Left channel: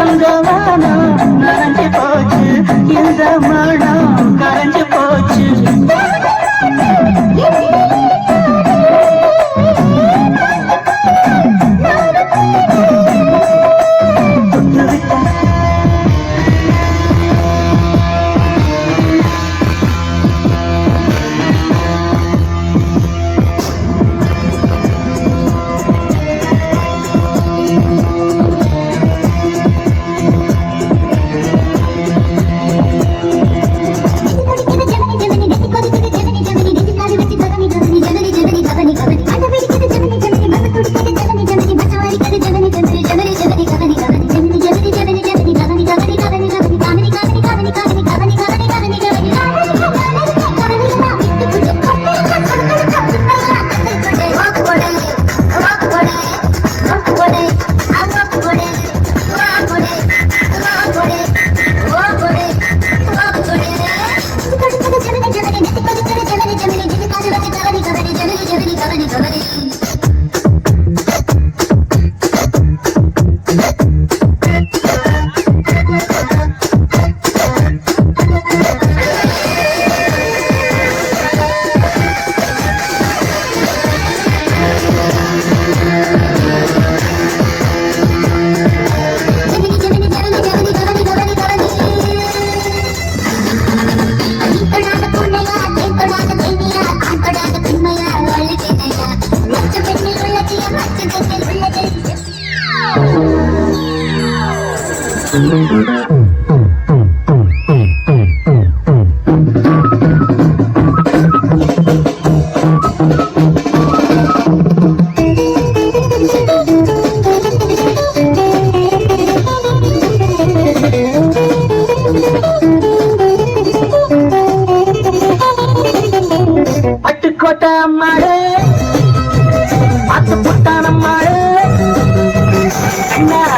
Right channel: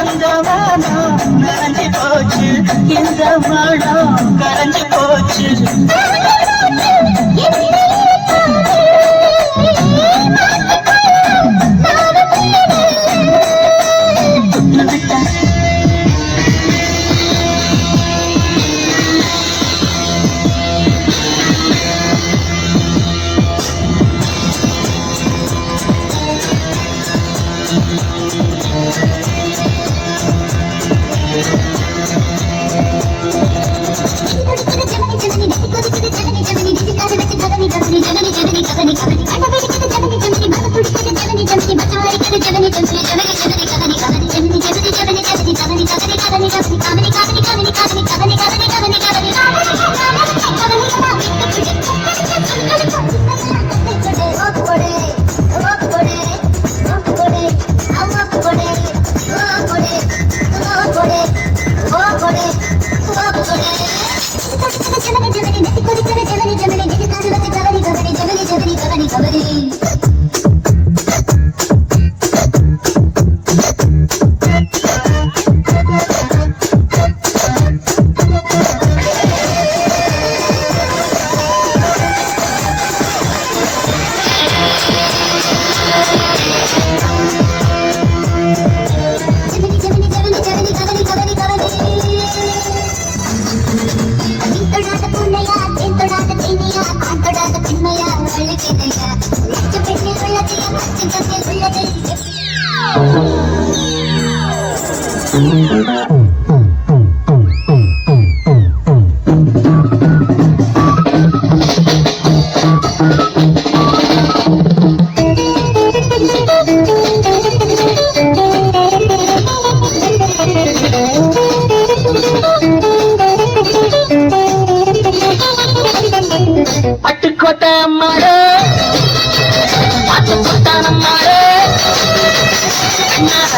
அந்த நனைஞ்சு போச்சு இந்த மனம் கரைஞ்சு போச்சு.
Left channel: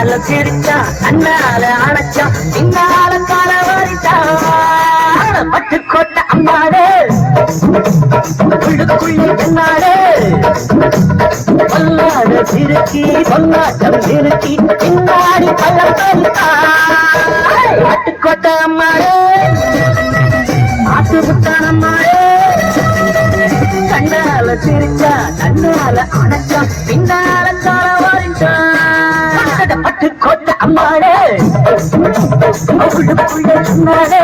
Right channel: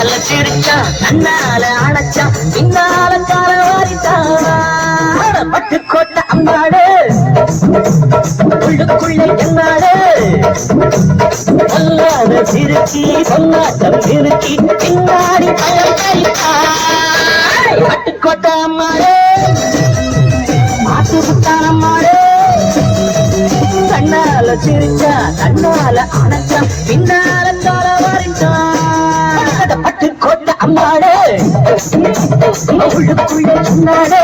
கண்ணால சிரிச்சான் கண்ணால அணைச்சான் பின்னால கால வாரிட்டான் பட்டுக்கோட்டை அம்மாடு. உள்ளுக்குள்ளே கண்ணாடு பொல்லாத சிறுக்கி பொன்னாட்டம் சிறுக்கி பின்னாடி பழம் பறித்தான் பட்டுக்கோட்டை அம்மாடு. மாத்து புட்டான அம்மாடு. கண்ணால சிரிச்சா தன்னால அணை அம்மாடு. உள்ளுக்குள்ள சொன்னாடு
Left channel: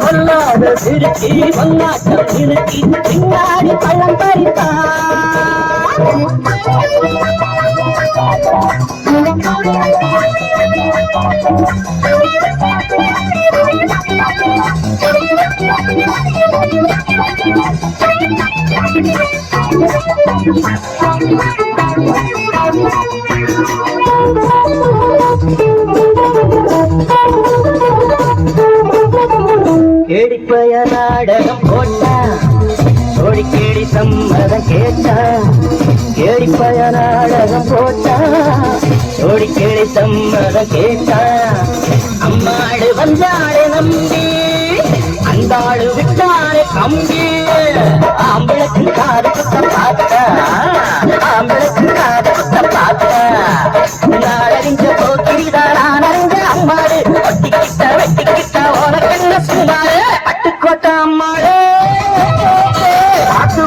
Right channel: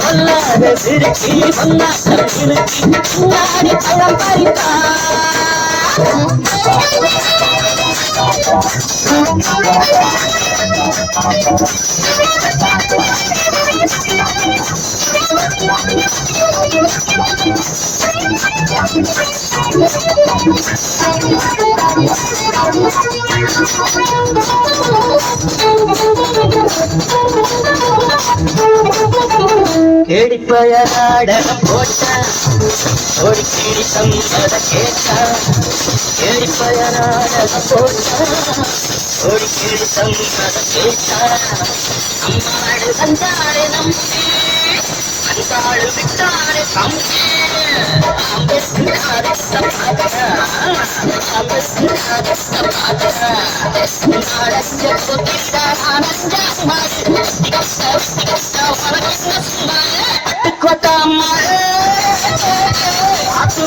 பொல்லாத சிரிச்சி பொன்னாட்டம் இருக்கி பின்னாடி பழம் பறித்தான் கேடிப்பய நாடகம் போட்டா ஓடிக்கேடி சம்மதம் கேட்டா. கேடிப்பய நாடகம் போட்டா ஓடிக்கேடி சம்மதம் கேட்டா. அம்மாடு வந்தாளே நம்பி அந்தாடு விட்டாளே தம்பி. ஆம்பளை காதத்தை பார்த்தா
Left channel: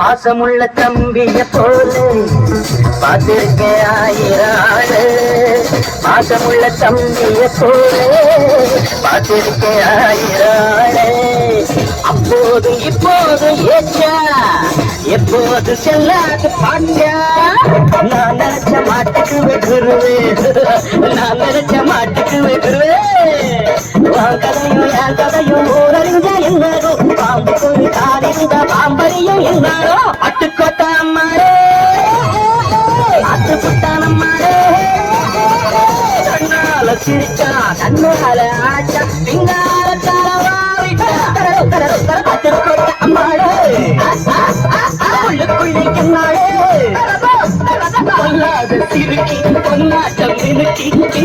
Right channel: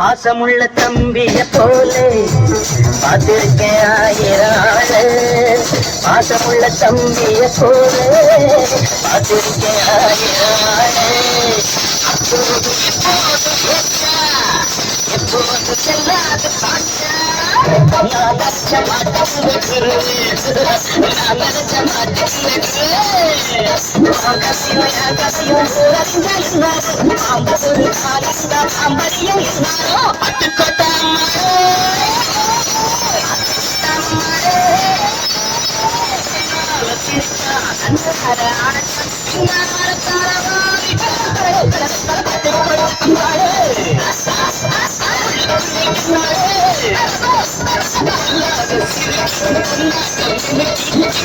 பாசமுள்ள தம்பிய போலே பார்த்திருக்கேன் ஆயிரம் பாசமுள்ள தம்பிய போலே பார்த்திருக்கேன் ஆயிரம் ஆளு அப்போதும் இப்போதும் போது செல்லாது பாண்ட நான் நினைச்ச மாட்டுக்கு வெகுருவே நான் நினைச்ச மாட்டுக்கு வெகுருவே கதையும் என் கதையும் ஊரறிஞ்ச என்னாரோ பாம்பு ஒரு காலிருந்த பாம்பரியும் என்னாரோ அட்டுக்கோட்டா மாறே அட்டுக்குட்டானம்மாடே கண்ணால சிரிச்சா தன்னால ஆச்சா பின்னால